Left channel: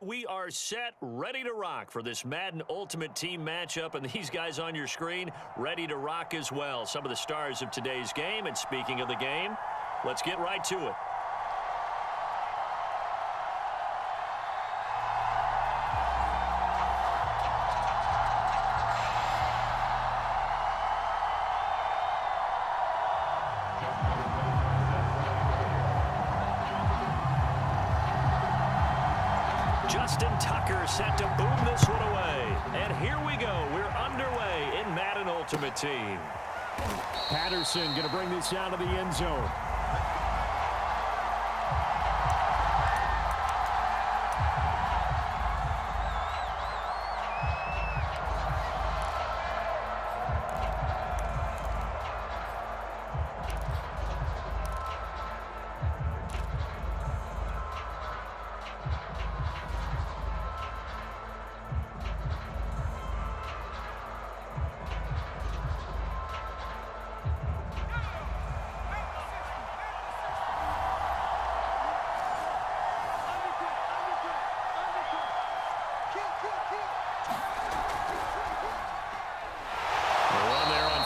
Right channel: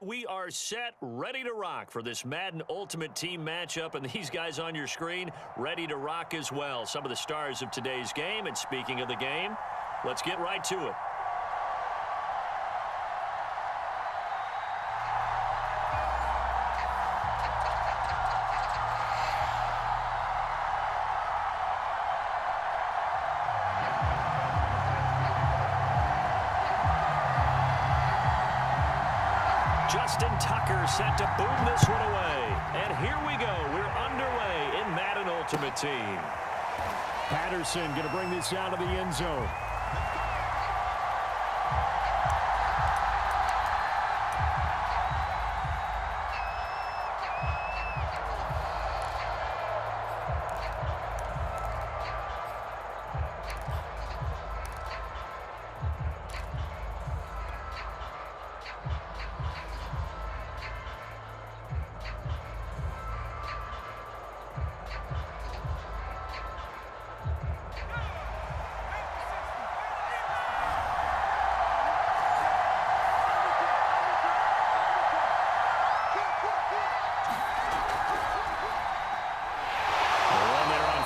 We are set, ready to rock for this Madden Ultimate Team matchup, and these guys on your screen ready to rock as well. Some of the stars of today's game, and speaking of the game, let's get right to it. Justin Tucker set to boom this one away. And here we go. We're underway in Madden Ultimate Team. Patterson going to bring this out of the end zone.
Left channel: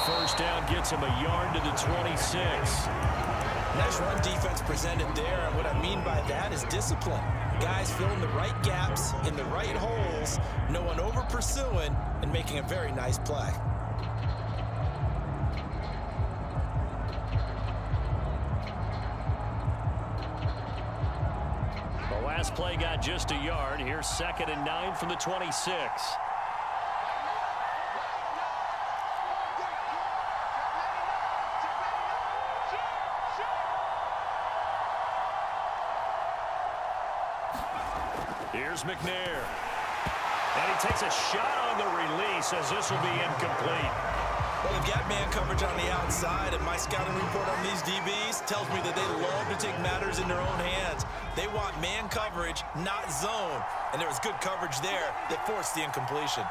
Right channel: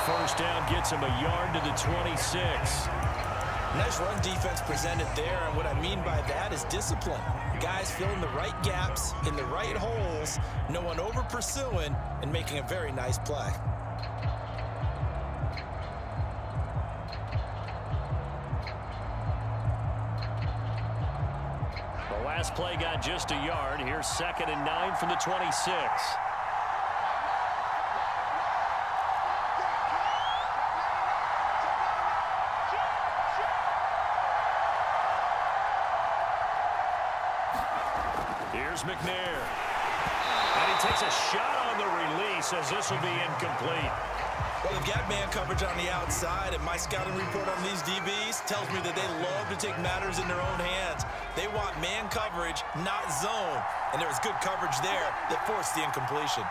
First down gets him a yard to the 26. Nice run defense presented there, and what I mean by that is discipline. Guys filling the right gaps in the right holes, no one over pursuing, and making a very nice play. The last play got just a yard. Here's 2nd and 9 from the 26. Here's McNair. And he takes a shot on the release as this will be incomplete. Well, they've got man coverage on the outside, and my scouting report on these DBs tells me that they love to take matters in their own hands. They want man coverage, not zone. And there was good coverage there that forced the incompletion.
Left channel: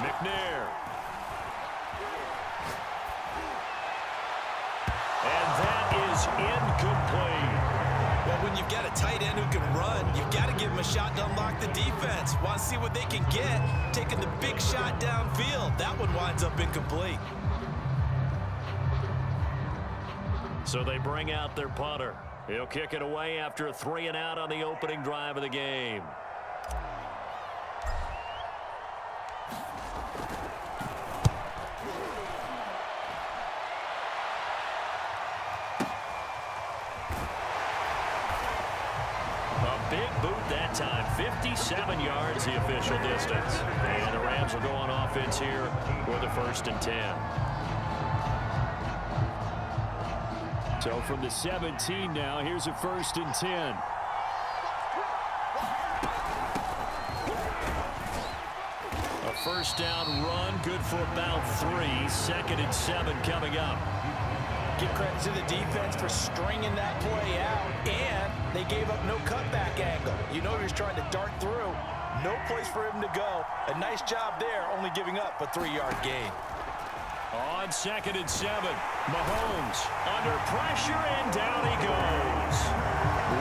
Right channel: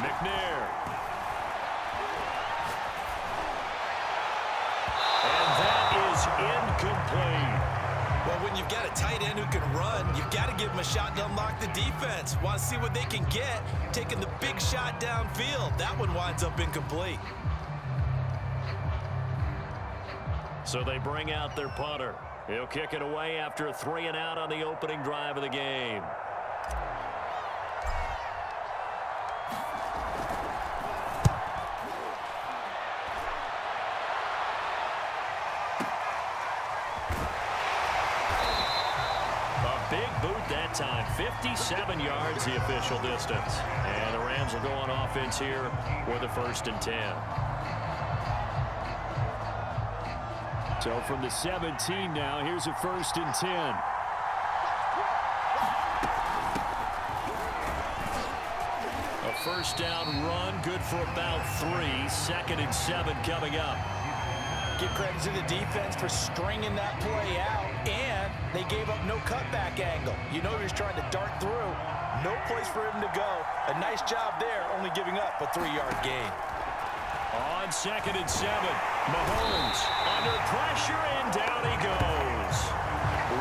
McNair. And that is incomplete. Well, when you've got a tight end who can run, you've got to give him a shot to unlock the defense. Want to see what they can get, taking the big shot downfield. That one winds up incomplete. So they bring out their punter. He'll kick it away after a 3-and-out on the opening drive of the game. Big boot that time. 57 yards the official distance. And the Rams will go on offense here with a 1st and 10. So from the 17 now, here's a 1st and 10. A first down run, good for about 3. 2nd and 7 coming up. Give credit to the defense for stringing that play out, and they gave up no cutback angle. You know he was trying to dart through. No place for him to go. A nice job there, only giving up a 3-yard gain. On 2nd and 7, Mahomes under pressure, and down he goes.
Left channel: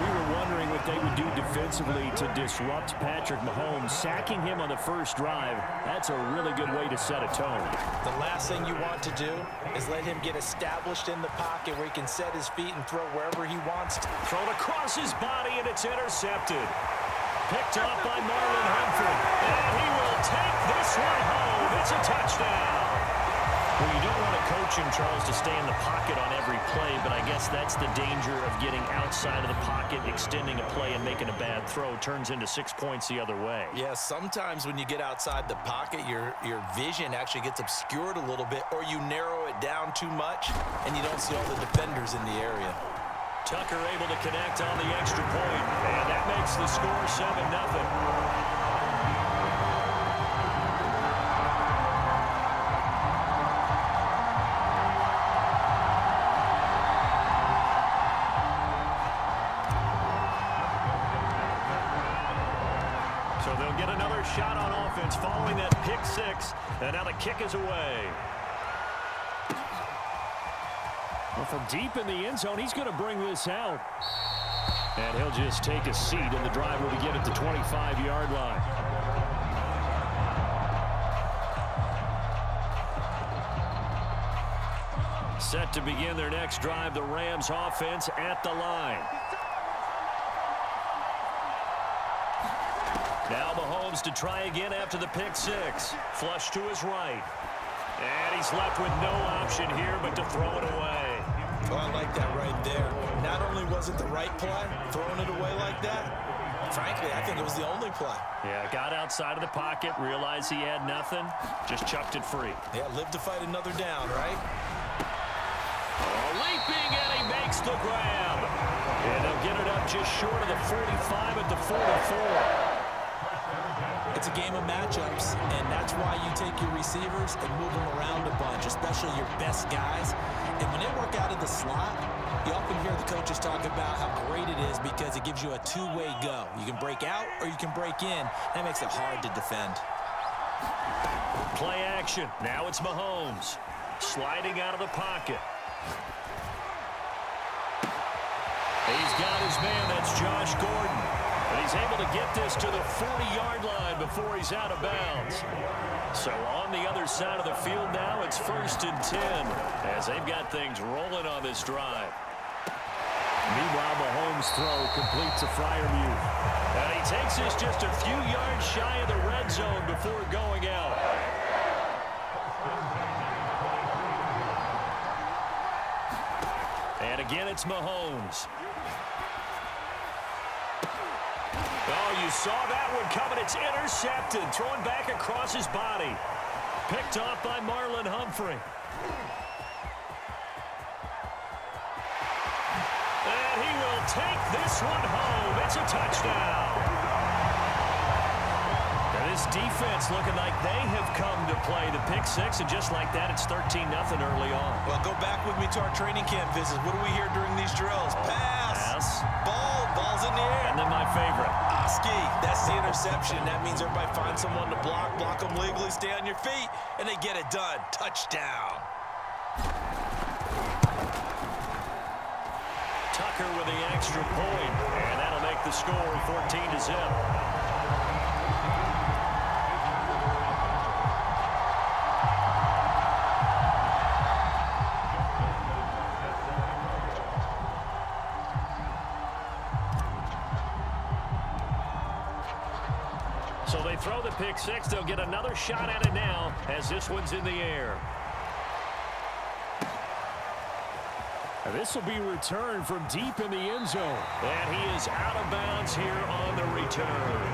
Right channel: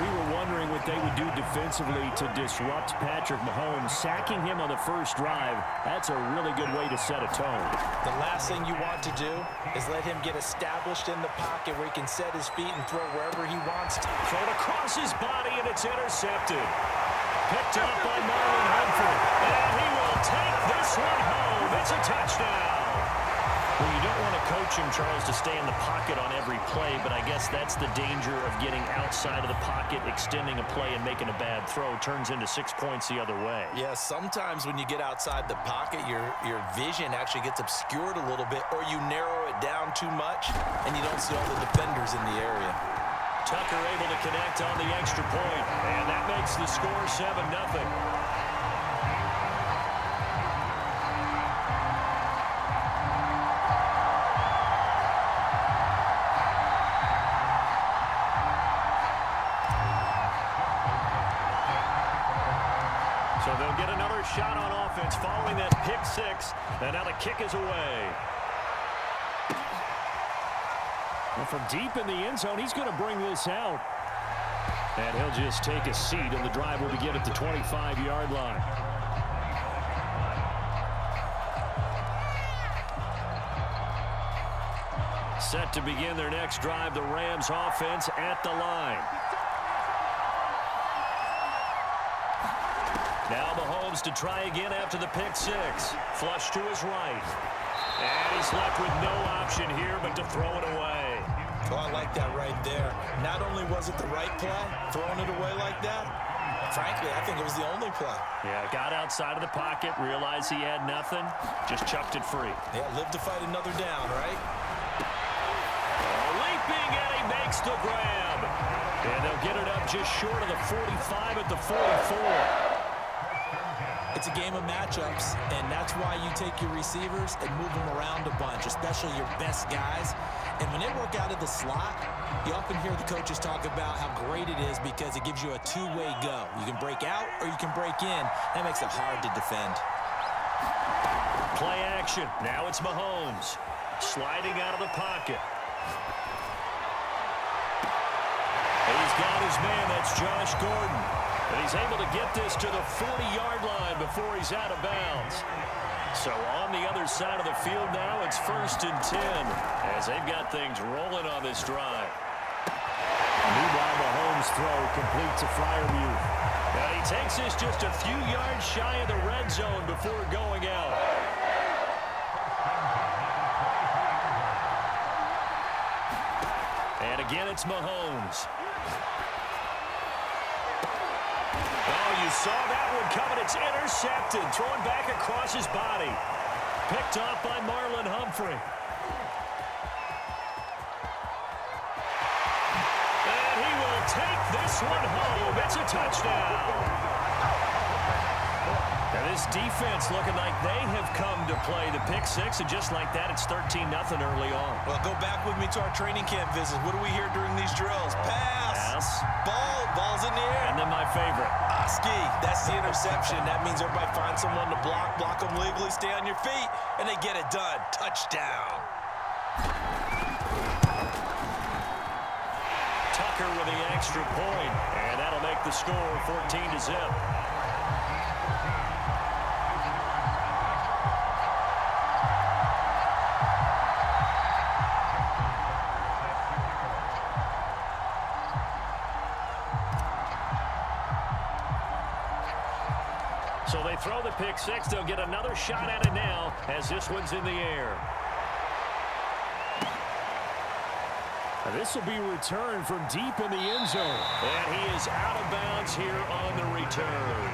We were wondering what they would do defensively to disrupt Patrick Mahomes. Sacking him on the first drive, that's a really good way to set a tone. The last thing you want to do is let him get established in the pocket where he can set his feet and throw wherever he wants to. Thrown across his body, and it's intercepted. Picked up by Marlon Humphrey. And he will take this one home. It's a touchdown. Well, you don't want to coach him, Charles, to stay in the pocket on every play, but I guess that's the danger of getting outside of the pocket, extending a play, and making a bad throw. Turns into 6 points the other way. Yeah, sometimes when you get outside the pocket, your vision actually gets obscured a little bit, or you narrow it down too much, and you don't see all the defenders in the area. Tucker able to connect on the extra point, and that makes the score 7-0. So they'll get another shot on offense following that pick 6, and now the kick is away. Well, from deep in the end zone, he's going to bring this out. And he'll just take a seat, and the drive will begin at the 25-yard line. Set to begin their next drive, the Rams offense at the line. Now Mahomes to try again after the pick six. Flush to his right. And he's left with no option here but to throw it away. Oh, I like that right there. Not only was it the right play, throwing it away like that, frankly, I think it was the only play. Yeah, got outside of the pocket, realized he had nothing, just chucked it free. Yeah, live to fight another down, right? Oh, leaping, and he makes the grab. And they'll get it up just short of the 45 at the 44. It's a game of matchups, and that's why you take your receivers and move them around a bunch, especially your best guys. And when they work out of the slot, you often hear the coaches talk about how great it is because it gives you a two-way go. You can break out or you can break in. That makes it hard to defend. Play action. Now it's Mahomes. Sliding out of the pocket. He's got his man. That's Josh Gordon. And he's able to get this to the 40-yard line before he's out of bounds. So on the other side of the field now, it's 1st and 10 as they've got things rolling on this drive. Meanwhile, Mahomes' throw completes a Freiermuth. And he takes this just a few yards shy of the red zone before going out. And again, it's Mahomes. Oh, you saw that one coming. It's intercepted. Thrown back across his body. Picked off by Marlon Humphrey. And he will take this one home. It's a touchdown. Now this defense looking like they have come to play the pick six, and just like that, it's 13-0 early on. Well, go back with me to our training camp visits. What do we hear during these drills? Pass. Ball's in the air. And then my favorite. Oski, that's the interception. That means everybody finds someone to block them legally, stay on your feet, and they get it done. Touchdown. Tucker with the extra point, and that'll make the score 14-0. So they throw the pick six. They'll get another shot at it now as this one's in the air. This will be returned from deep in the end zone. And he is out of bounds here on the return.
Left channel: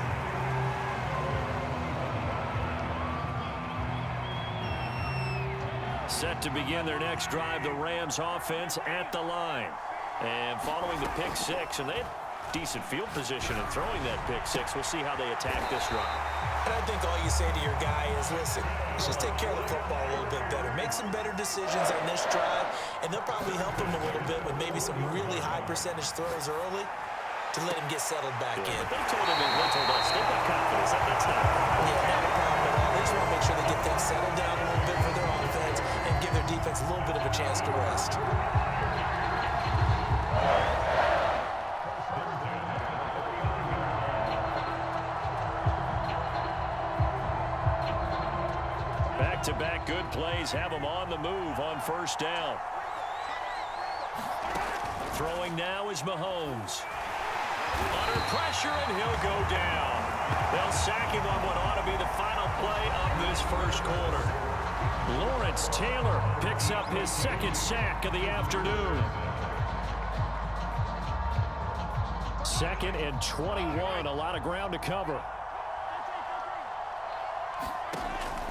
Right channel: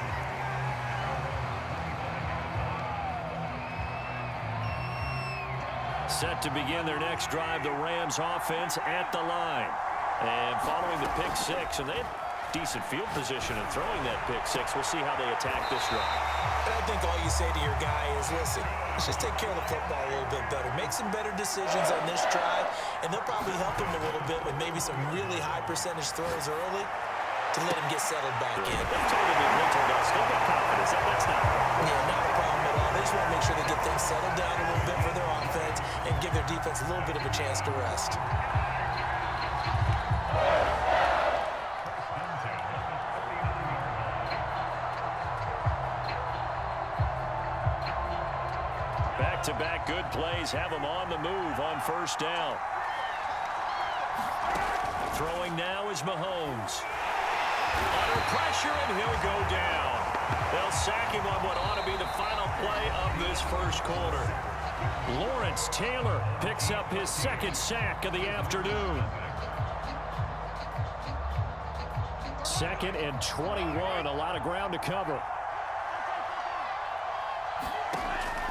Set to begin their next drive, the Rams offense at the line. And following the pick six, and they had decent field position in throwing that pick six. We'll see how they attack this drive. And I think all you say to your guy is, listen, let's just take care of the football a little bit better. Make some better decisions on this drive, and they'll probably help him a little bit with maybe some really high percentage throws early to let him get settled back in. But they told us they've got confidence. That's not a problem. Yeah, not a problem at all. They just want to make sure they get things settled down a little bit for their offense and give their defense a little bit of a chance to rest. Back-to-back good plays have them on the move on first down. Throwing now is Mahomes. Under pressure, and he'll go down. They'll sack him on what ought to be the final play of this first quarter. Lawrence Taylor picks up his second sack of the afternoon. 2nd and 21, a lot of ground to cover.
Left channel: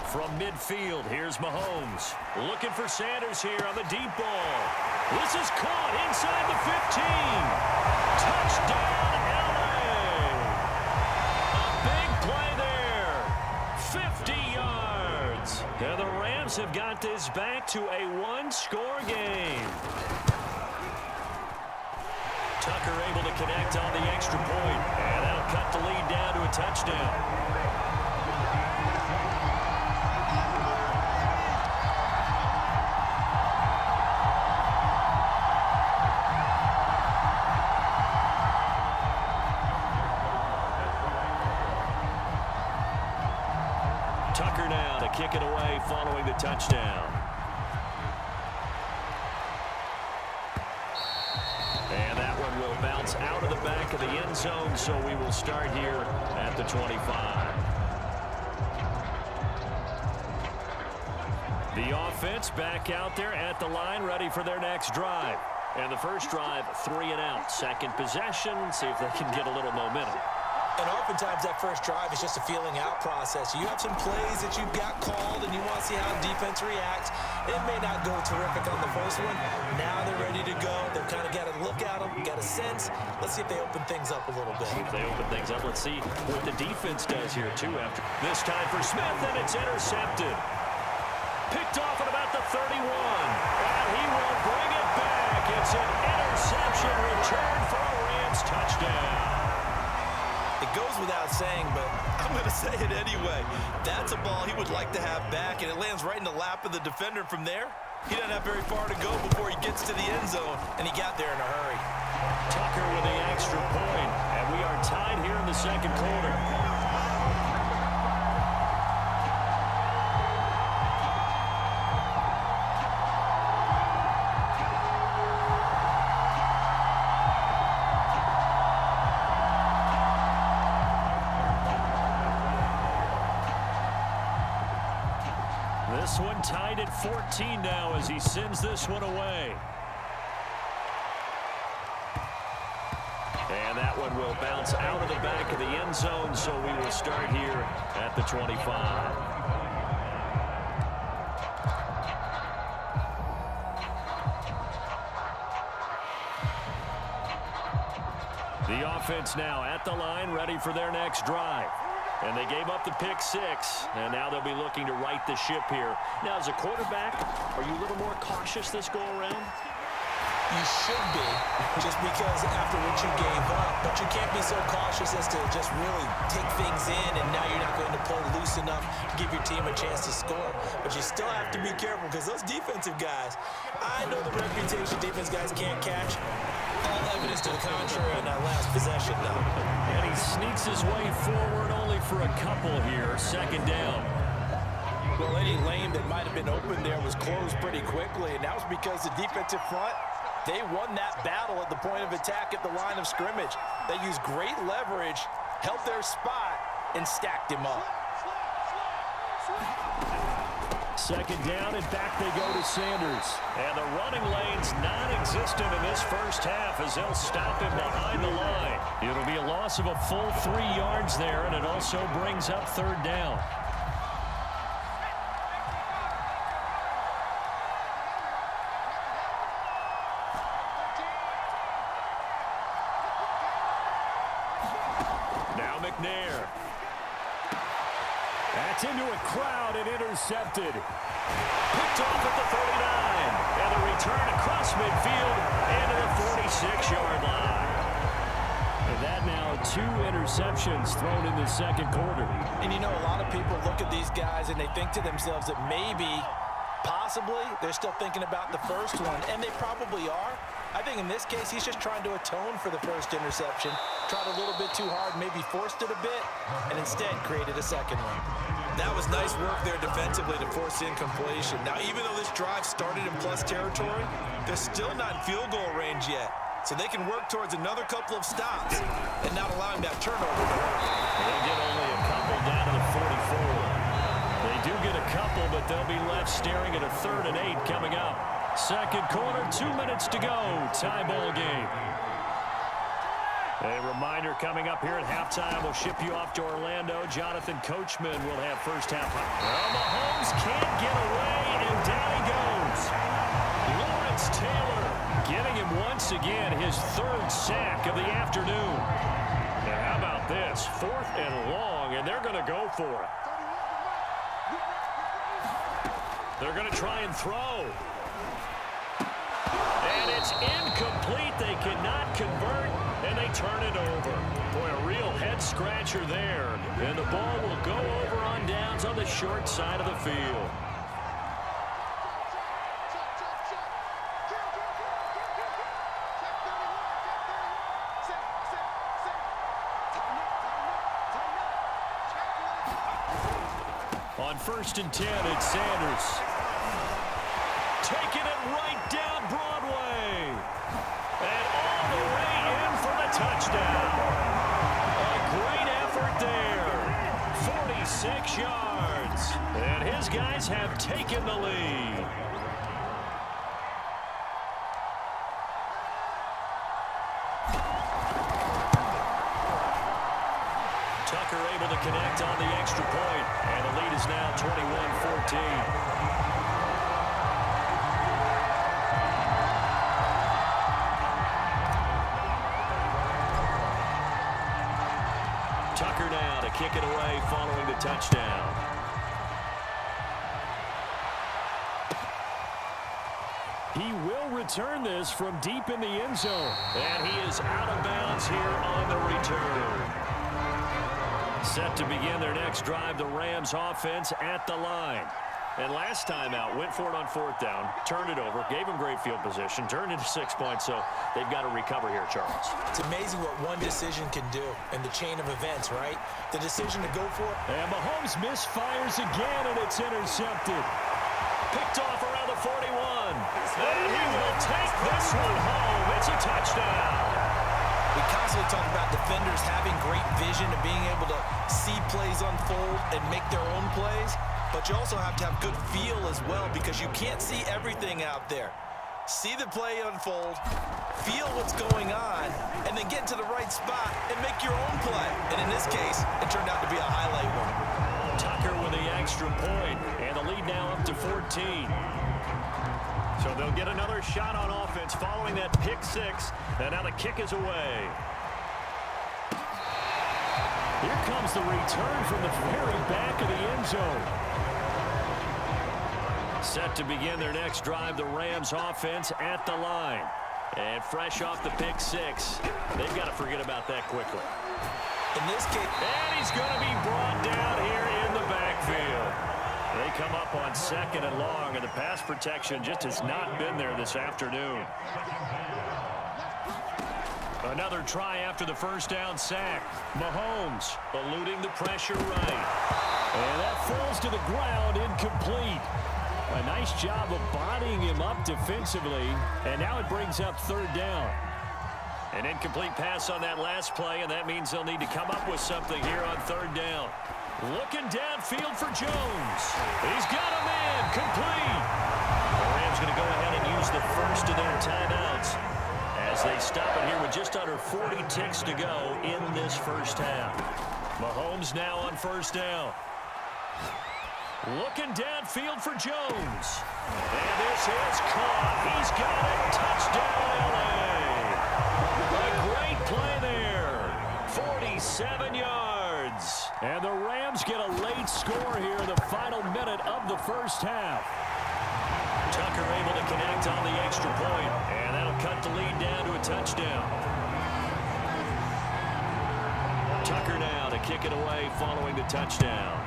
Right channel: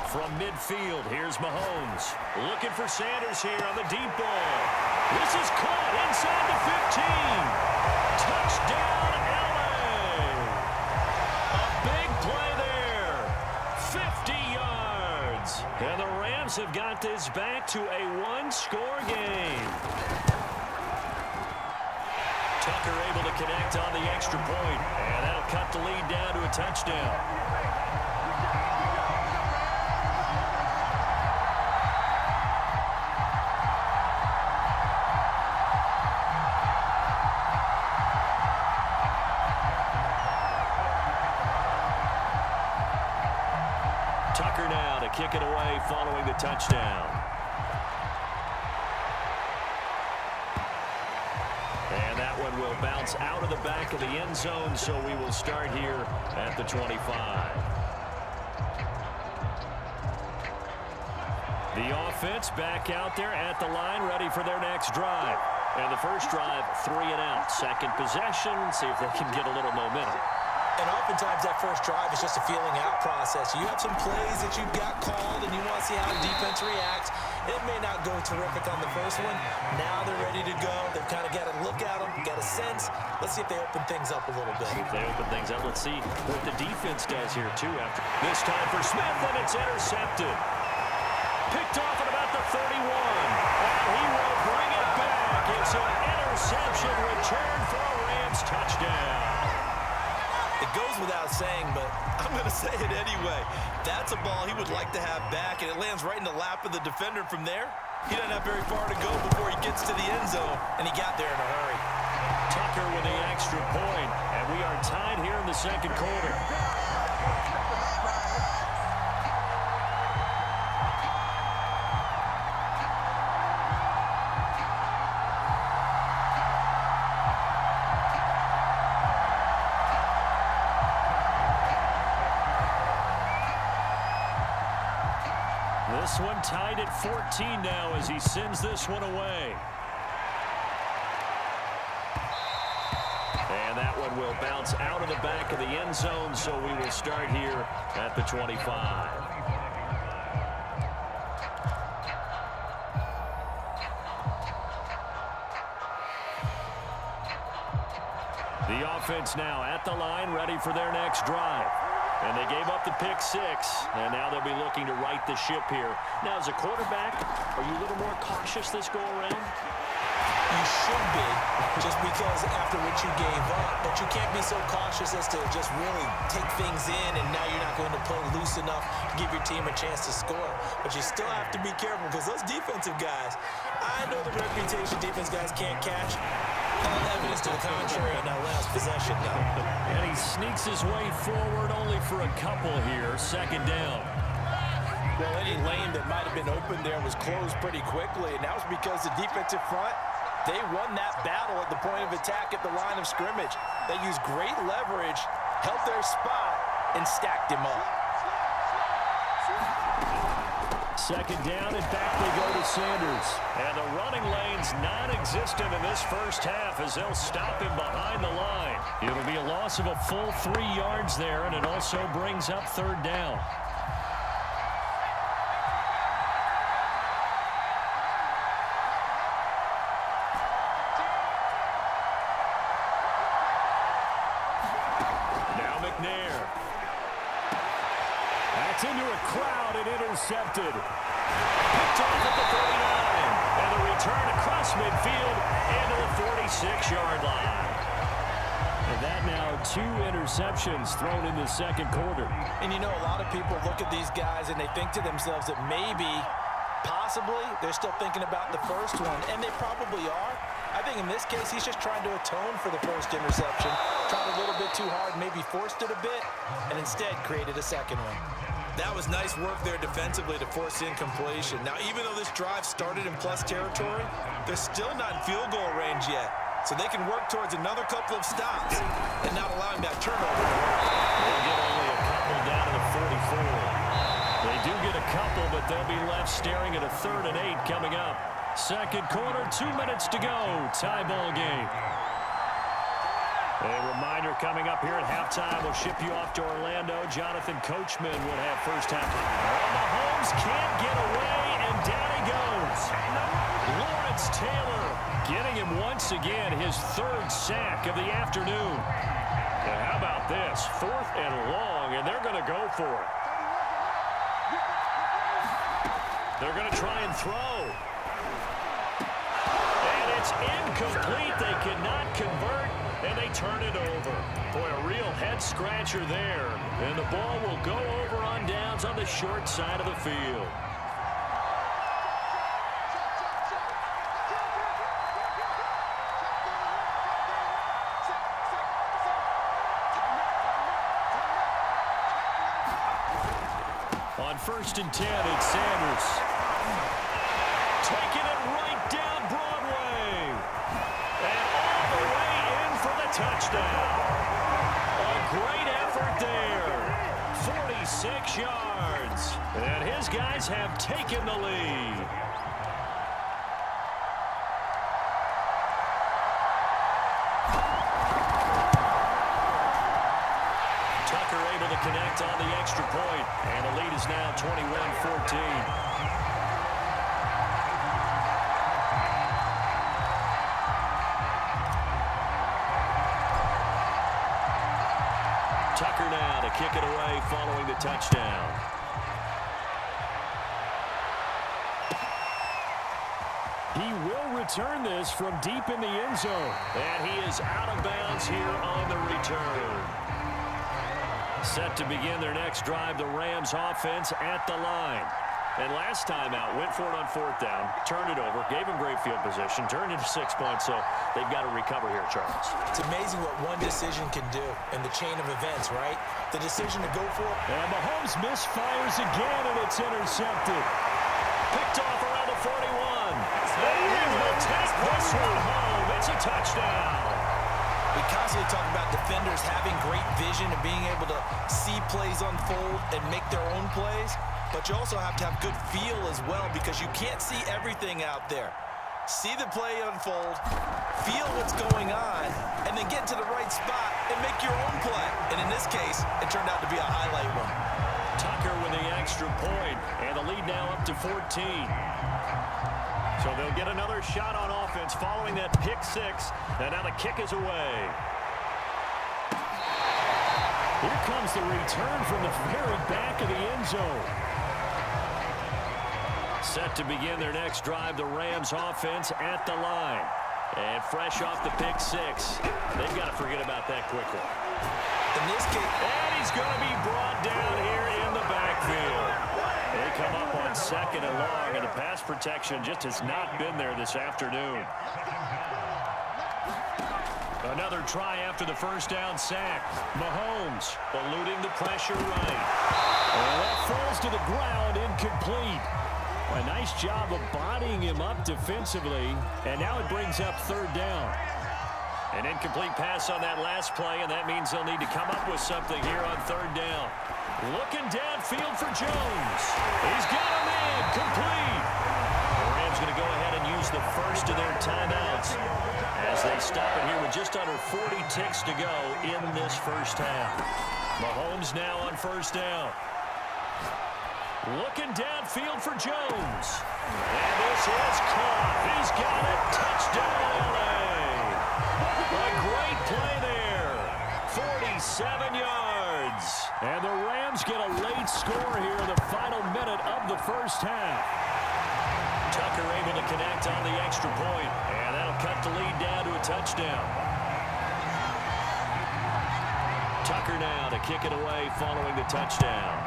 From midfield, here's Mahomes. Looking for Sanders here on the deep ball. This is caught inside the 15. Touchdown, L.A. A big play there. 50 yards. And the Rams have got this back to a one-score game. Tucker able to connect on the extra point. And that'll cut the lead down to a touchdown. Tucker now to kick it away following the touchdown. And that one will bounce out of the back of the end zone, so we will start here at the 25. The offense back out there at the line, ready for their next drive. And the first drive, 3 and out. Second possession, see if they can get a little momentum. And oftentimes that first drive is just a feeling out process. You have some plays that you've got called and you want to see how the defense reacts. It may not go terrific on the first one. Now they're ready to go. They've kind of got to look at them, got a sense. Let's see if they open things up a little bit. If they open things up, let's see what the defense does here too. After this time for Smith, and it's intercepted. Picked off at about the 31. And he will bring it back. It's an interception return for a Rams touchdown. It goes without saying, but I'm going to say it anyway. That's a ball he would like to have back, and it lands right in the lap of the defender from there. He doesn't have very far to go before he gets to the end zone, and he got there in a hurry. Tucker with the extra point, and we are tied here in the second quarter. This one tied at 14 now as he sends this one away. And that one will bounce out of the back of the end zone, so we will start here at the 25. The offense now at the line, ready for their next drive. And they gave up the pick 6, and now they'll be looking to right the ship here. Now, as a quarterback, are you a little more cautious this go-around? You should be, just because after what you gave up, but you can't be so cautious as to just really take things in, and now you're not going to play loose enough to give your team a chance to score. But you still have to be careful, because those defensive guys, I know the reputation defense guys can't catch. All evidence to the contrary in that last possession, though. And he sneaks his way forward only for a couple here. Second down. Well, any lane that might have been open there was closed pretty quickly, and that was because the defensive front, they won that battle at the point of attack at the line of scrimmage. They used great leverage, held their spot, and stacked him up. Second down, and back they go to Sanders. And the running lane's non-existent in this first half as they'll stop him behind the line. It'll be a loss of a full 3 yards there, and it also brings up third down. Now McNair. That's into a crowd and intercepted. Picked off at the 39. And the return across midfield into the 46-yard line. And that now 2 interceptions thrown in the second quarter. And you know, a lot of people look at these guys and they think to themselves that maybe, possibly, they're still thinking about the first one. And they probably are. I think in this case, he's just trying to atone for the first interception. Tried a little bit too hard, maybe forced it a bit, and instead created a second one. That was nice work there defensively to force incompletion. Now, even though this drive started in plus territory, they're still not in field goal range yet. So they can work towards another couple of stops and not allowing that turnover to hurt. They'll get only a couple down to the 44. They do get a couple, but they'll be left staring at a 3rd and 8 coming up. Second quarter, 2 minutes to go. Tie ball game. A reminder coming up here at halftime. We'll ship you off to Orlando. Jonathan Coachman will have first half. Well, Mahomes can't get away, and down he goes. Lawrence Taylor getting him once again his 3rd sack of the afternoon. And how about this? 4th and long, and they're going to go for it. They're going to try and throw. And it's incomplete. They cannot convert, and they turn it over. Boy, a real head-scratcher there. And the ball will go over on downs on the short side of the field. On On 1st and 10, it's Sanders. Taking it right down Broadway. And all the way in for the touchdown. A great effort there. 46 yards. And his guys have taken the lead. Tucker able to connect on the extra point, and the lead is now 21-14. Tucker now to kick it away following the touchdown. He will return this from deep in the end zone, and he is out of bounds here on the return. Set to begin their next drive, the Rams offense at the line. And last time out, went for it on 4th down, turned it over, gave him great field position, turned into 6 points, so they've got to recover here, Charles. It's amazing what one decision can do in the chain of events, right? The decision to go for it. And Mahomes misfires again, and it's intercepted. Picked off around the 41. And he will take this one home. It's a touchdown. We constantly talk about defenders having great vision and being able to see plays unfold and make their own plays. But you also have to have good feel as well, because you can't see everything out there. See the play unfold, feel what's going on, and then get to the right spot and make your own play. And in this case, it turned out to be a highlight one. Tucker with the extra point, and the lead now up to 14. So they'll get another shot on offense following that pick 6, and now the kick is away. Here comes the return from the very back of the end zone. Set to begin their next drive, the Rams offense at the line. And fresh off the pick 6, they've got to forget about that quickly. In this case, and he's going to be brought down here in the backfield. They come up on 2nd and long, and the pass protection just has not been there this afternoon. Another try after the 1st down sack. Mahomes eluding the pressure right. And that falls to the ground, incomplete. A nice job of bodying him up defensively, and now it brings up 3rd down. An incomplete pass on that last play, and that means they'll need to come up with something here on 3rd down. Looking downfield for Jones. He's got a man, complete. The Rams going to go ahead and use the first of their timeouts as they stop it here with just under 40 ticks to go in this first half. Mahomes now on 1st down. Looking downfield for Jones. And this is caught. He's got it. Touchdown, L.A. A great play there. 47 yards. And the Rams get a late score here in the final minute of the first half. Tucker able to connect on the extra point, and that'll cut the lead down to a touchdown. Tucker now to kick it away following the touchdown.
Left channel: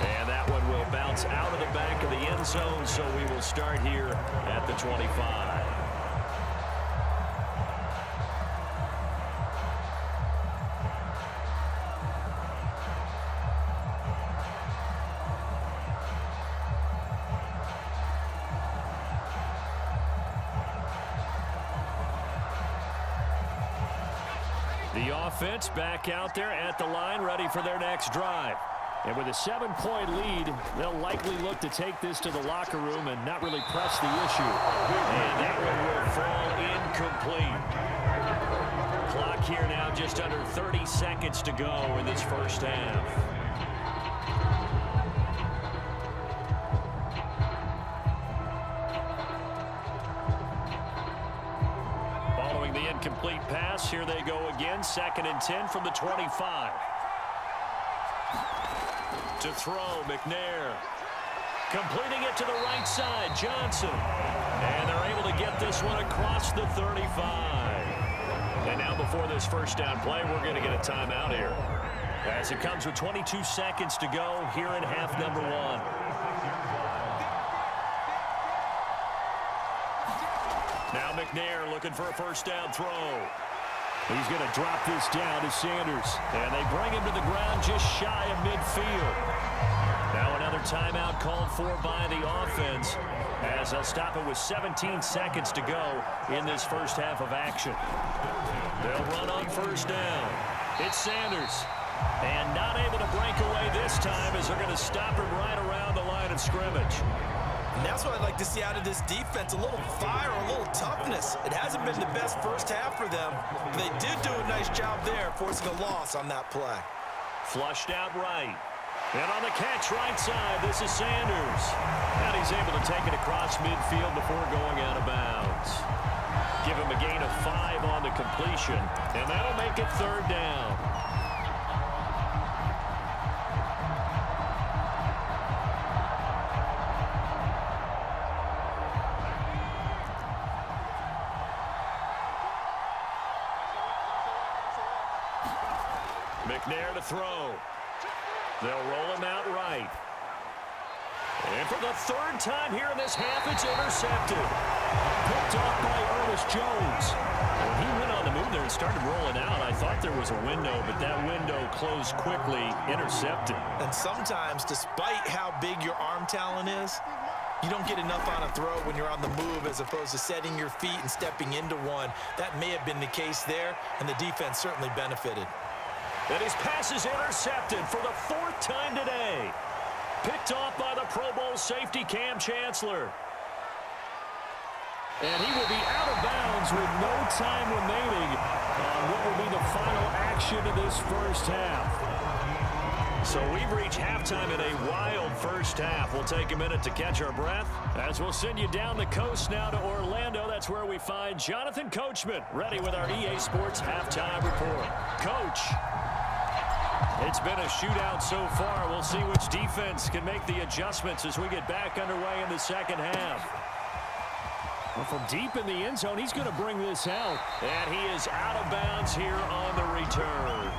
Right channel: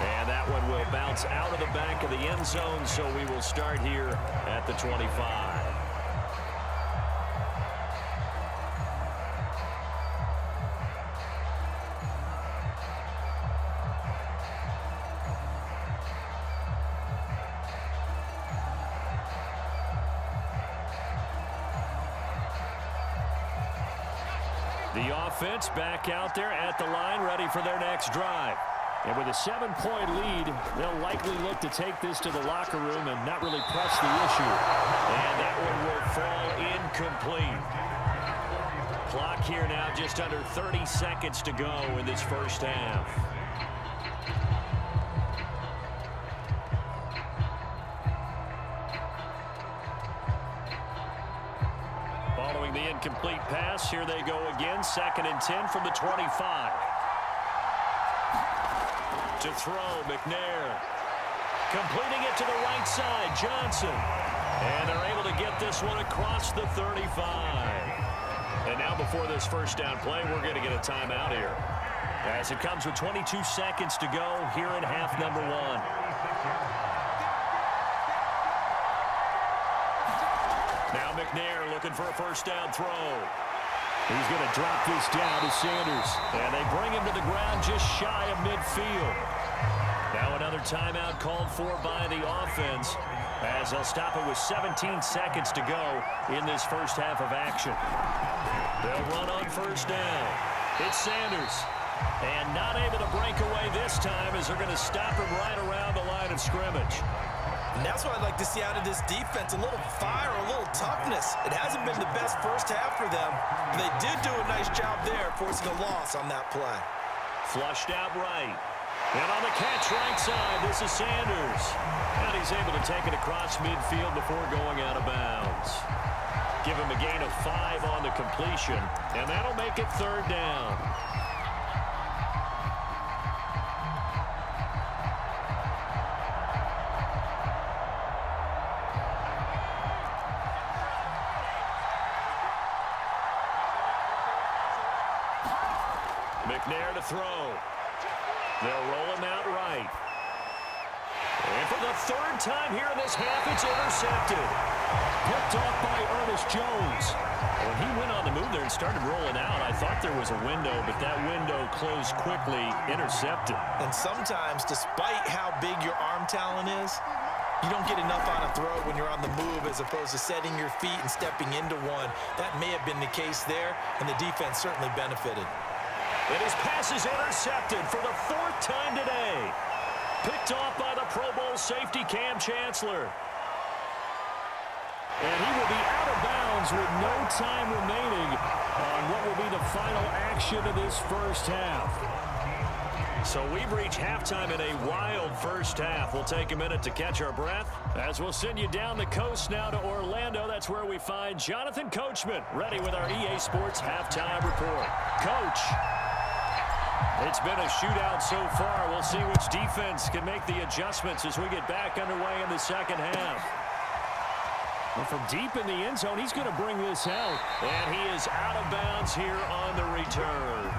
And that one will bounce out of the back of the end zone, so we will start here at the 25. The offense back out there at the line, ready for their next drive. And with a 7-point lead, they'll likely look to take this to the locker room and not really press the issue. And that one will fall incomplete. Clock here now just under 30 seconds to go in this first half. Following the incomplete pass, here they go again. 2nd and 10 from the 25. To throw, McNair. Completing it to the right side, Johnson. And they're able to get this one across the 35. And now before this first down play, we're going to get a timeout here, as it comes with 22 seconds to go here in half number 1. Now McNair looking for a first down throw. He's going to drop this down to Sanders. And they bring him to the ground just shy of midfield. Now another timeout called for by the offense, as they'll stop it with 17 seconds to go in this first half of action. They'll run on first down. It's Sanders. And not able to break away this time, as they're going to stop him right around the line of scrimmage. And that's what I'd like to see out of this defense, a little fire, a little toughness. It hasn't been the best first half for them, but they did do a nice job there, forcing a loss on that play. Flushed out right. And on the catch right side, this is Sanders. And he's able to take it across midfield before going out of bounds. Give him a gain of 5 on the completion, and that'll make it third down. McNair to throw. They'll roll him out right. And for the third time here in this half, it's intercepted. Picked off by Ernest Jones. When he went on the move there and started rolling out, I thought there was a window, but that window closed quickly, intercepted. And sometimes, despite how big your arm talent is, you don't get enough on a throw when you're on the move as opposed to setting your feet and stepping into one. That may have been the case there, and the defense certainly benefited. And his pass is intercepted for the 4th time today. Picked off by the Pro Bowl safety Cam Chancellor. And he will be out of bounds with no time remaining on what will be the final action of this first half. So we've reached halftime in a wild first half. We'll take a minute to catch our breath as we'll send you down the coast now to Orlando. That's where we find Jonathan Coachman ready with our EA Sports halftime report. Coach. It's been a shootout so far. We'll see which defense can make the adjustments as we get back underway in the second half. Well, from deep in the end zone, he's going to bring this out. And he is out of bounds here on the return.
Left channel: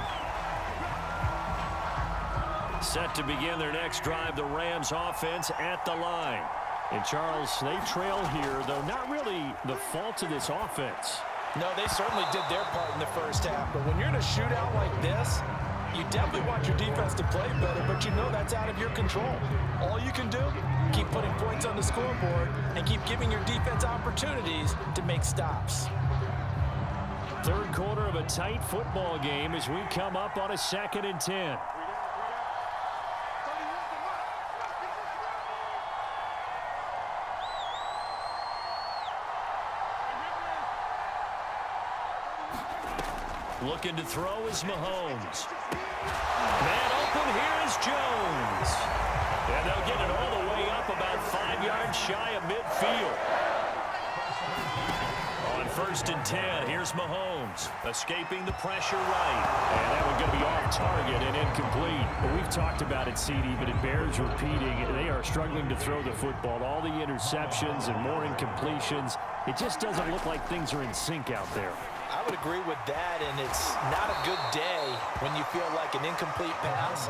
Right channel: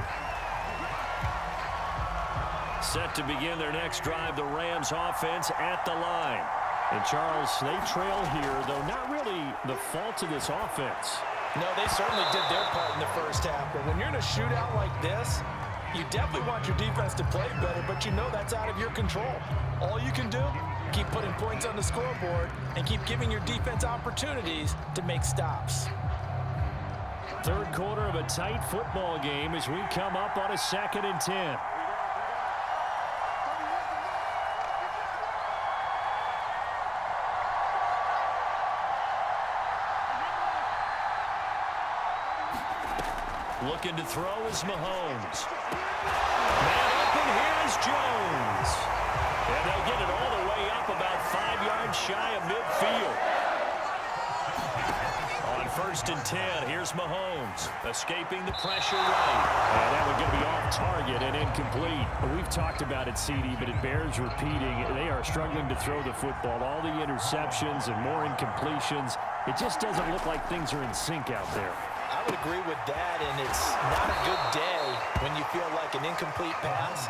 Set to begin their next drive, the Rams offense at the line. And Charles, they trail here, though not really the fault of this offense. No, they certainly did their part in the first half. But when you're in a shootout like this, you definitely want your defense to play better, but you know that's out of your control. All you can do, keep putting points on the scoreboard and keep giving your defense opportunities to make stops. Third quarter of a tight football game as we come up on a 2nd and 10. Looking to throw is Mahomes. Man open, here is Jones. And they'll get it all the way up about 5 yards shy of midfield. On 1st and 10, here's Mahomes escaping the pressure right. And that one going to be off target and incomplete. Well, we've talked about it, CD, but it bears repeating. They are struggling to throw the football. All the interceptions and more incompletions. It just doesn't look like things are in sync out there. I would agree with that, and it's not a good day when you feel like an incomplete pass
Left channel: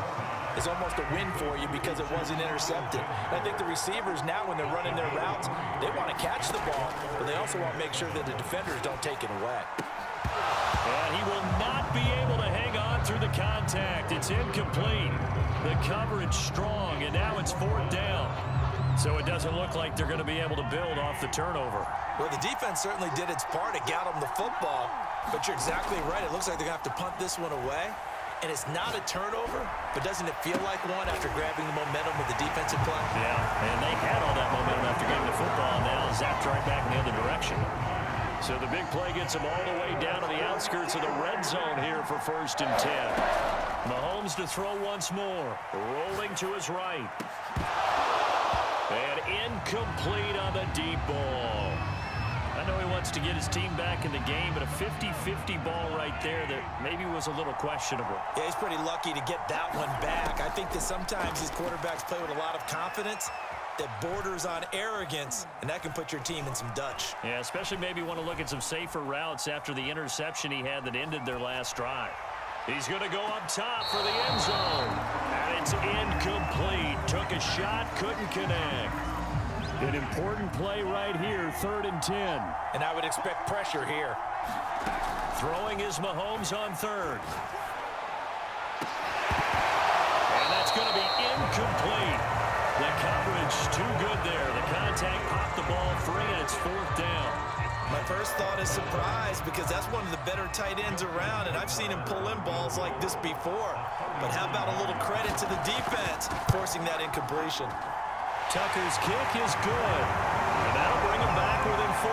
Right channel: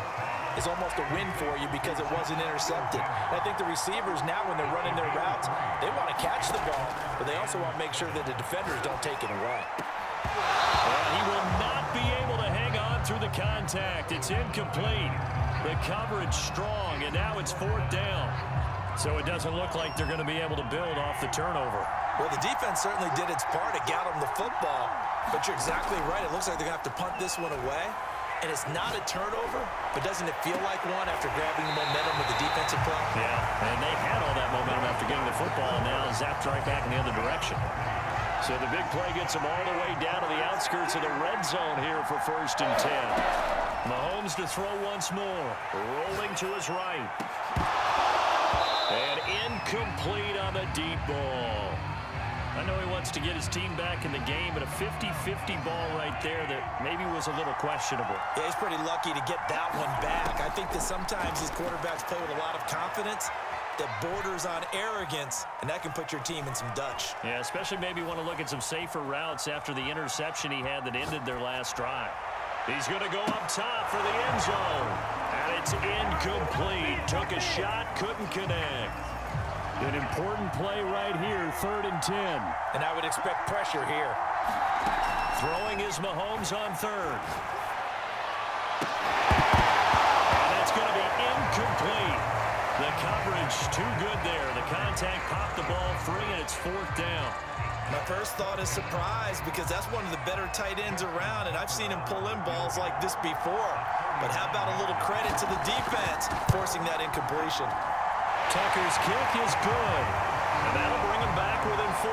is almost a win for you because it wasn't intercepted. And I think the receivers now, when they're running their routes, they want to catch the ball, but they also want to make sure that the defenders don't take it away. And he will not be able to hang on through the contact. It's incomplete. The coverage strong, and now it's 4th down. So it doesn't look like they're going to be able to build off the turnover. Well, the defense certainly did its part. It got them the football, but you're exactly right. It looks like they're going to have to punt this one away. And it's not a turnover, but doesn't it feel like one after grabbing the momentum with the defensive play? Yeah, and they had all that momentum after getting the football, and now zapped right back in the other direction. So the big play gets them all the way down to the outskirts of the red zone here for 1st and 10. Mahomes to throw once more, rolling to his right. And incomplete on the deep ball. I know he wants to get his team back in the game, but a 50-50 ball right there that maybe was a little questionable. Yeah, he's pretty lucky to get that one back. I think that sometimes these quarterbacks play with a lot of confidence that borders on arrogance, and that can put your team in some Dutch. Yeah, especially maybe want to look at some safer routes after the interception he had that ended their last drive. He's going to go up top for the end zone. And it's incomplete. Took a shot, couldn't connect. An important play right here, 3rd and 10. And I would expect pressure here. Throwing is Mahomes on third. And that's going to be incomplete. The coverage too good there. The contact popped the ball free, and it's fourth down. My first thought is surprise because that's one of the better tight ends around, and I've seen him pull in balls like this before. But how about a little credit to the defense forcing that incompletion? Tucker's kick is good, and that'll bring him back within 4.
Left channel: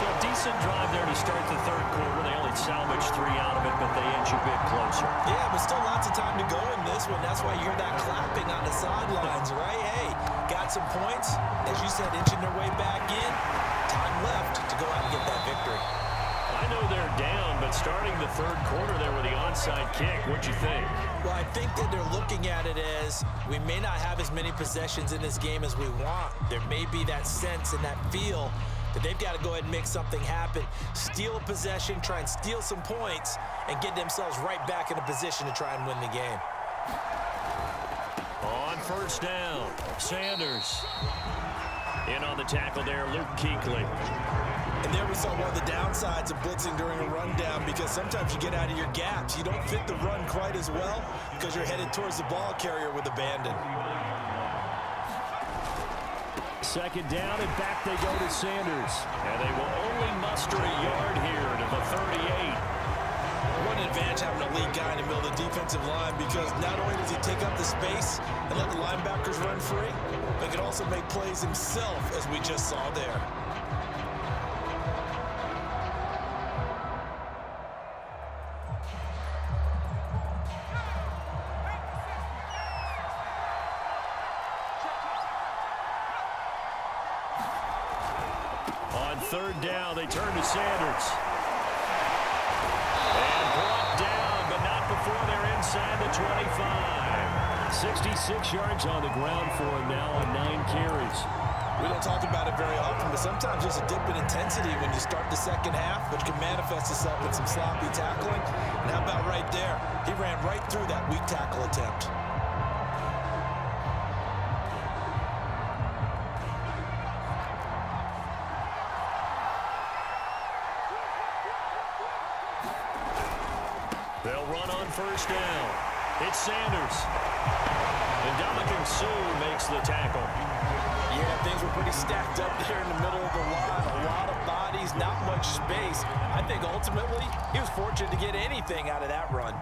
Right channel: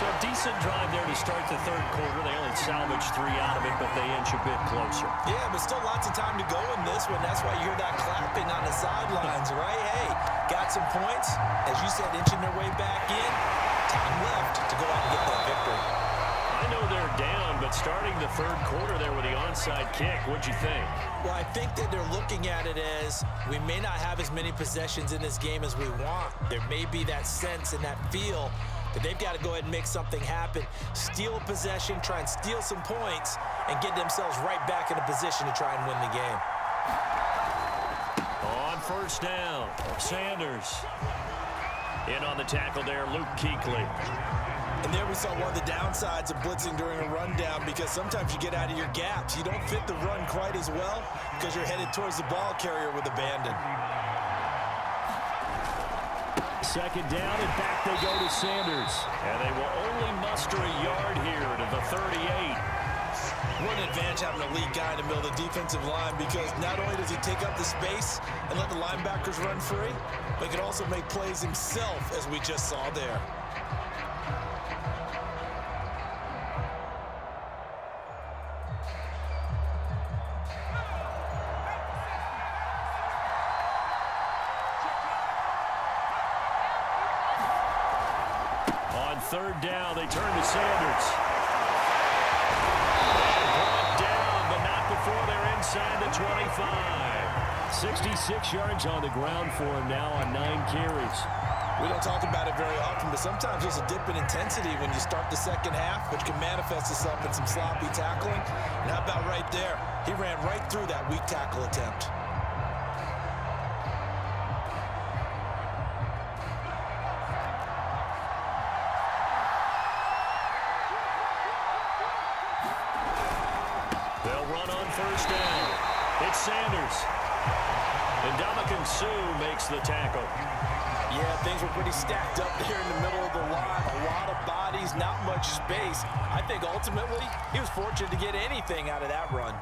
So a decent drive there to start the third quarter. They only salvaged 3 out of it, but they inch a bit closer. Yeah, but still lots of time to go in this one. That's why you hear that clapping on the sidelines, right? Hey, got some points. As you said, inching their way back in. Time left to go out and get that victory. I know they're down, but starting the third quarter there with the onside kick, what'd you think? Well, I think that they're looking at it as we may not have as many possessions in this game as we want. There may be that sense and that feel that they've got to go ahead and make something happen, steal a possession, try and steal some points, and get themselves right back in a position to try and win the game. On first down, Sanders. In on the tackle there, Luke Kuechly. And there we saw one of the downsides of blitzing during a rundown because sometimes you get out of your gaps. You don't fit the run quite as well because you're headed towards the ball carrier with abandon. Second down, and back they go to Sanders. And they will only muster a yard here to the 38. What an advantage having a lead guy in the middle of the defensive line because not only does he take up the space and let the linebackers run free, but he can also make plays himself, as we just saw there. On third down, they turn to Sanders. And brought down, but not before they're inside the 25. 66 yards on the ground for him now on 9 carries. We don't talk about it very often, but sometimes there's a dip in intensity when you start the second half, which can manifest itself in some sloppy tackling. And how about right there? He ran right through that weak tackle attempt. They'll run on first down. It's Sanders. And Ndamukong Suh makes the tackle. Yeah, things were pretty stacked up there in the middle of the line. A lot of bodies, not much space. I think ultimately he was fortunate to get anything out of that run.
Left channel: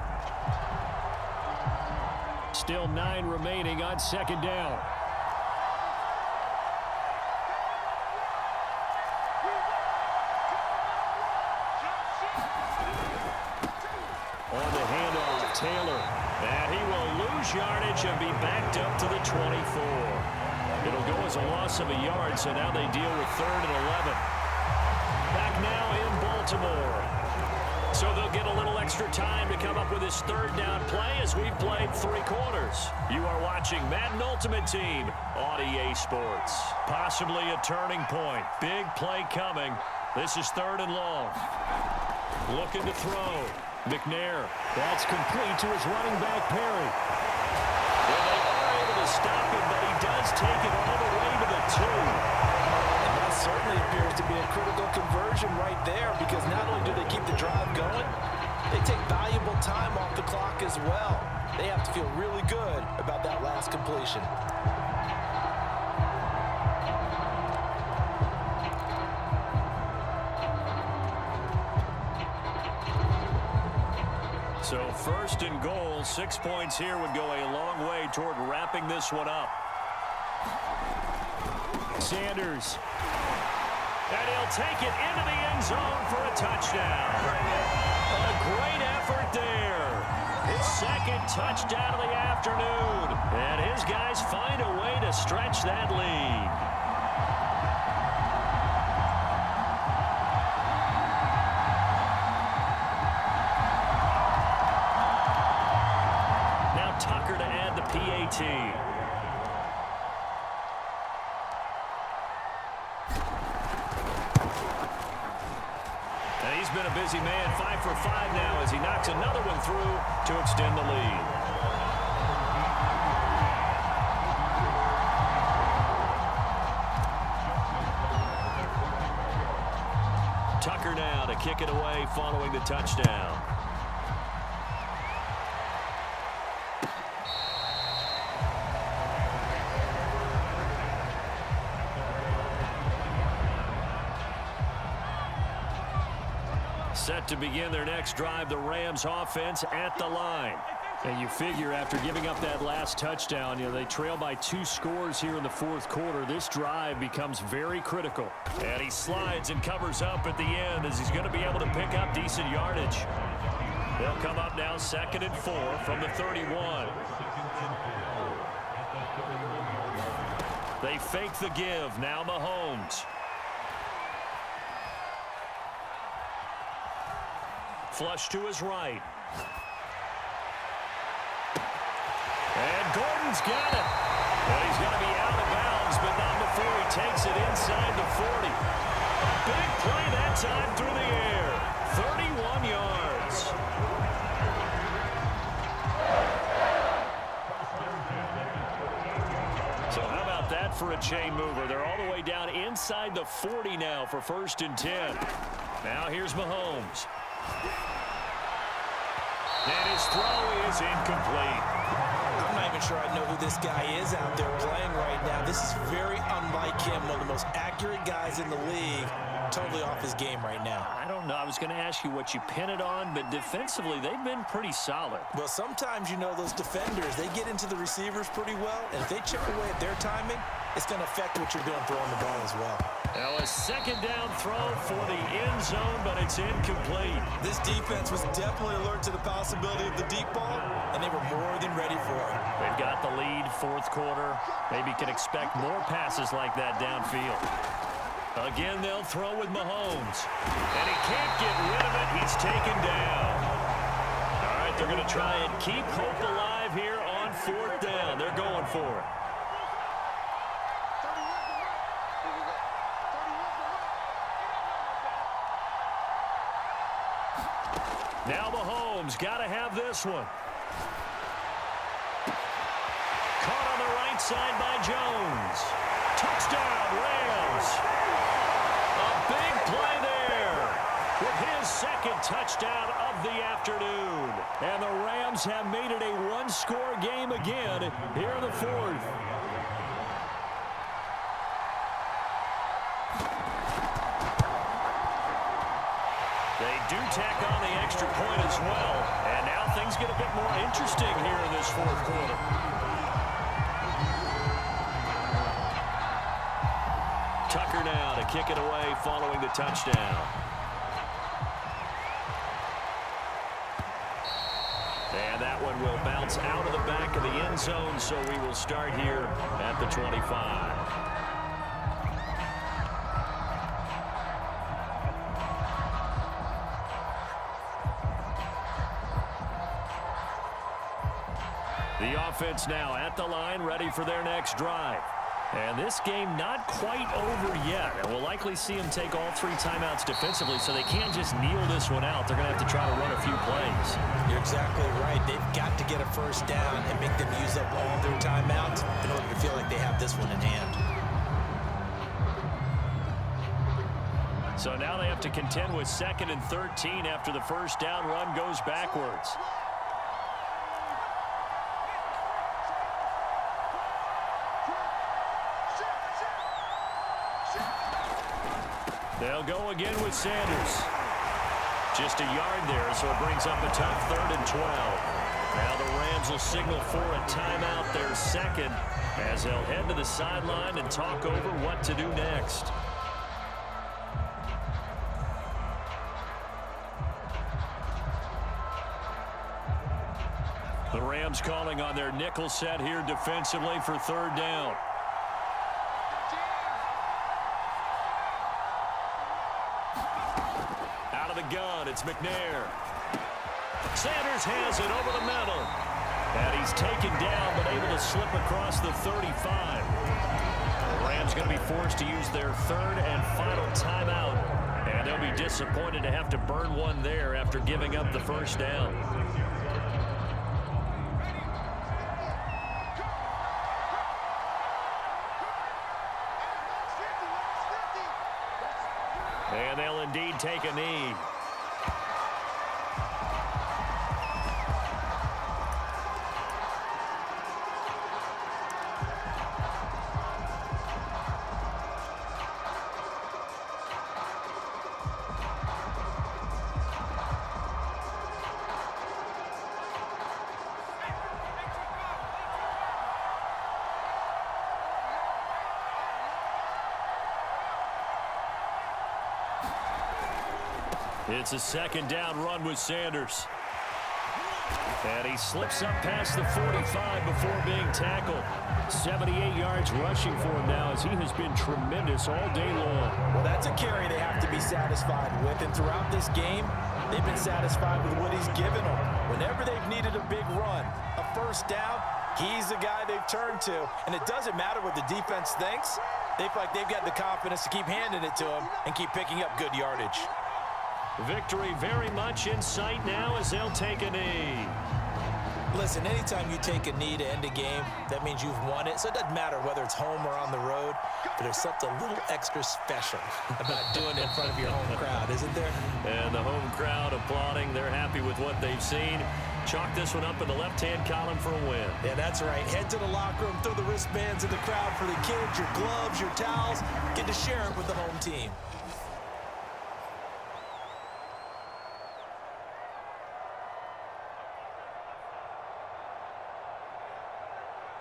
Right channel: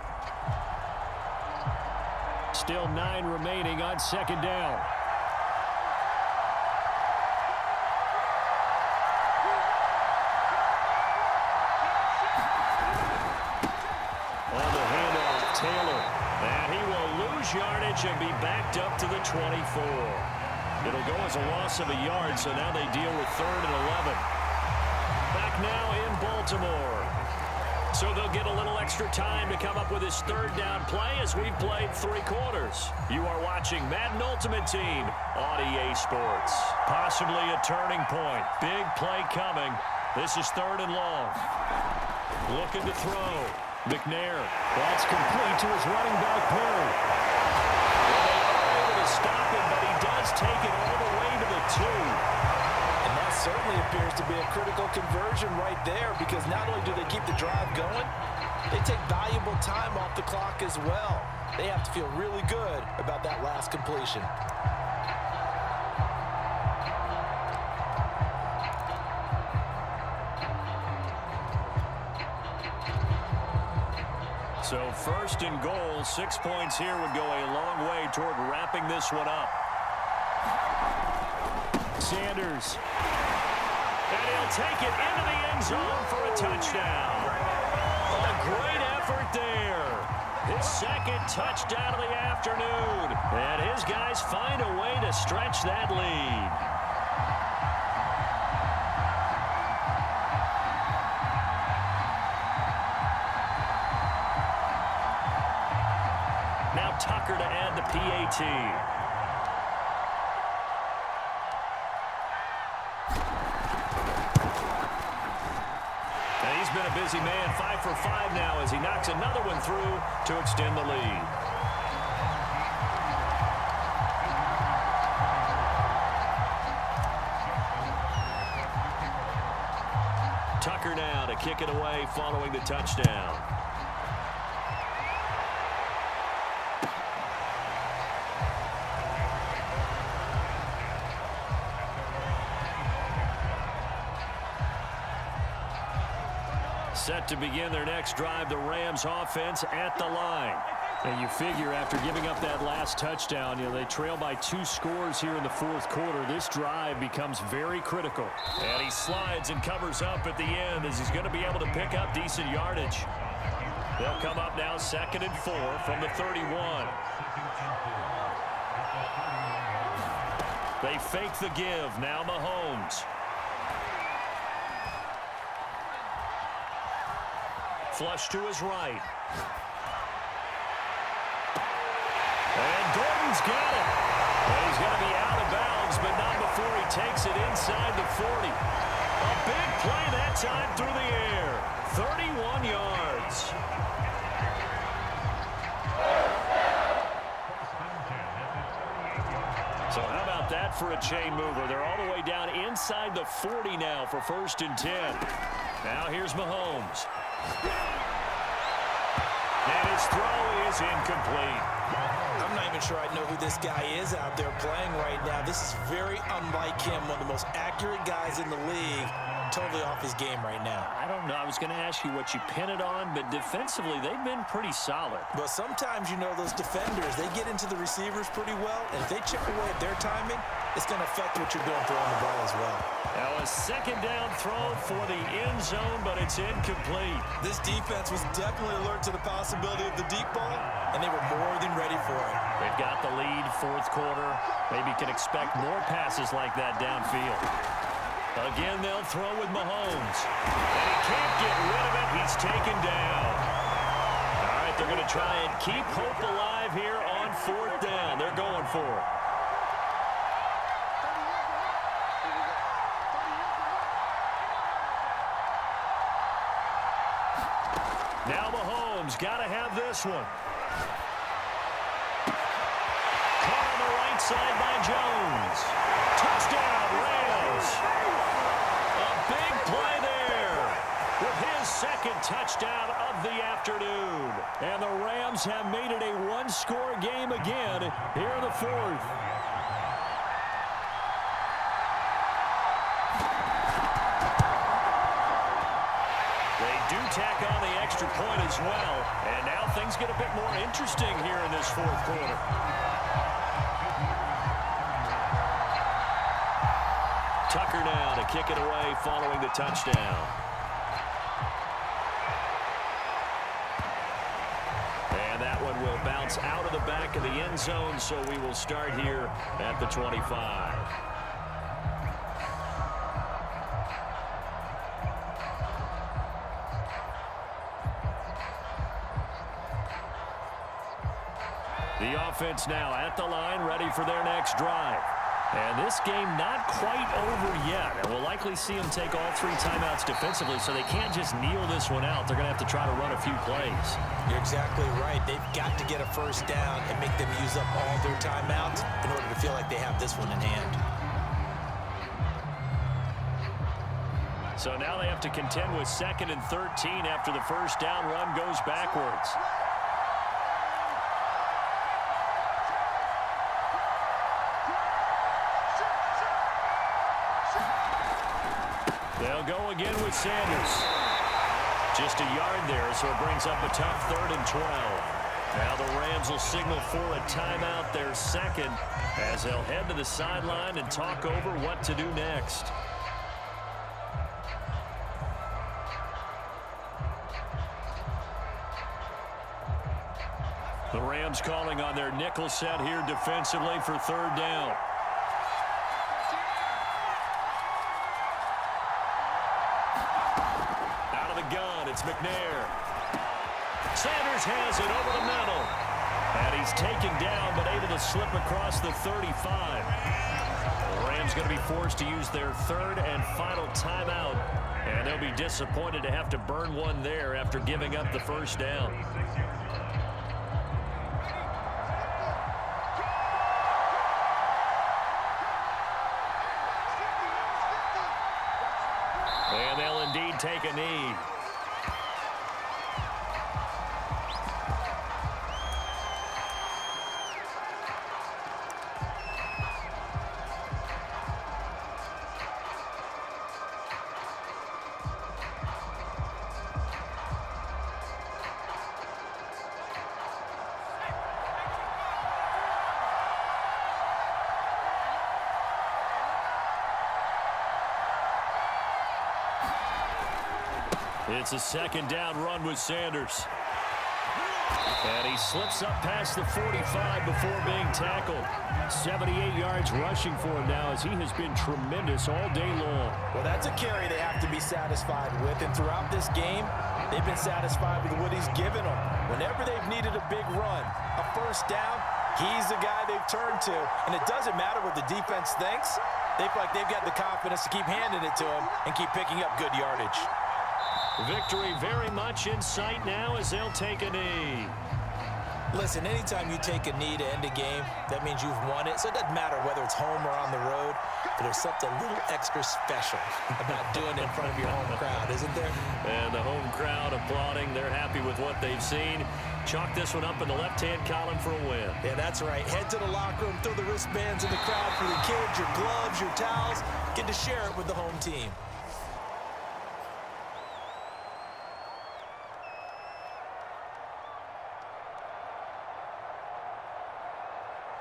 Still 9 remaining on second down. On the handoff, Taylor. And he will lose yardage and be backed up to the 24. It'll go as a loss of a yard, so now they deal with 3rd and 11. Back now in Baltimore. So they'll get a little extra time to come up with his third down play as we've played 3 quarters. You are watching Madden Ultimate Team on EA Sports. Possibly a turning point. Big play coming. This is 3rd and long. Looking to throw. McNair. That's complete to his running back, Perry. And they are able to stop him, but he does take it all the way to the 2. And that certainly appears to be a critical conversion right there because not only do they keep the drive going, they take valuable time off the clock as well. They have to feel really good about that last completion. So 1st and goal, 6 points here would go a long way toward wrapping this one up. Sanders. And he'll take it into the end zone for a touchdown. A great effort there. His 2nd touchdown of the afternoon. And his guys find a way to stretch that lead. Now Tucker to add the PAT. And he's been a busy man, 5 for 5 now as he knocks another one through to extend the lead. Tucker now to kick it away following the touchdown. Set to begin their next drive, the Rams offense at the line. And you figure after giving up that last touchdown, they trail by 2 scores here in the fourth quarter. This drive becomes very critical. And he slides and covers up at the end as he's going to be able to pick up decent yardage. They'll come up now 2nd and 4 from the 31. They fake the give. Now Mahomes. Flush to his right. And Gordon's got it. And he's going to be out of bounds, but not before he takes it inside the 40. A big play that time through the air. 31 yards. So how about that for a chain mover? They're all the way down inside the 40 now for 1st and 10. Now here's Mahomes. And his throw is incomplete. I'm not even sure I know who this guy is out there playing right now. This is very unlike him, one of the most accurate guys in the league. Totally off his game right now. I don't know. I was going to ask you what you pin it on, but defensively, they've been pretty solid. Well, sometimes, those defenders, they get into the receivers pretty well, and if they chip away at their timing, it's going to affect what you're doing throwing the ball as well. Now a 2nd down throw for the end zone, but it's incomplete. This defense was definitely alert to the possibility of the deep ball, and they were more than ready for it. They've got the lead, 4th quarter. Maybe can expect more passes like that downfield. Again, they'll throw with Mahomes. And he can't get rid of it. He's taken down. All right, they're going to try and keep hope alive here on 4th down. They're going for it. Now Mahomes got to have this one. Caught on the right side by Jones. Touchdown, Rams. A big play there with his 2nd touchdown of the afternoon. And the Rams have made it a 1-score game again here in the 4th. They do tack on the extra point as well. And now things get a bit more interesting here in this 4th quarter. Tucker now to kick it away following the touchdown. And that one will bounce out of the back of the end zone, so we will start here at the 25. The offense now at the line, ready for their next drive. And this game not quite over yet. And we'll likely see them take all 3 timeouts defensively, so they can't just kneel this one out. They're going to have to try to run a few plays. You're exactly right. They've got to get a 1st down and make them use up all their timeouts in order to feel like they have this one in hand. So now they have to contend with 2nd and 13 after the 1st down run goes backwards. They'll go again with Sanders. Just a yard there, so it brings up a tough 3rd and 12. Now the Rams will signal for a timeout, their 2nd, as they'll head to the sideline and talk over what to do next. The Rams calling on their nickel set here defensively for 3rd down. Gun, it's McNair. Sanders has it over the middle. And he's taken down, but able to slip across the 35. The Rams going to be forced to use their 3rd and final timeout. And they'll be disappointed to have to burn one there after giving up the 1st down. And they'll indeed take a knee. It's a second down run with Sanders. And he slips up past the 45 before being tackled. 78 yards rushing for him now as he has been tremendous all day long. Well, that's a carry they have to be satisfied with. And throughout this game, they've been satisfied with what he's given them. Whenever they've needed a big run, a first down, he's the guy they've turned to. And it doesn't matter what the defense thinks. They feel like they've got the confidence to keep handing it to him and keep picking up good yardage. Victory very much in sight now as they'll take a knee. Listen, anytime you take a knee to end a game, that means you've won it. So it doesn't matter whether it's home or on the road, but there's something a little extra special about doing it in front of your home crowd, isn't there? And the home crowd applauding. They're happy with what they've seen. Chalk this one up in the left-hand column for a win. Yeah, that's right. Head to the locker room, throw the wristbands in the crowd for the kids, your gloves, your towels. Get to share it with the home team.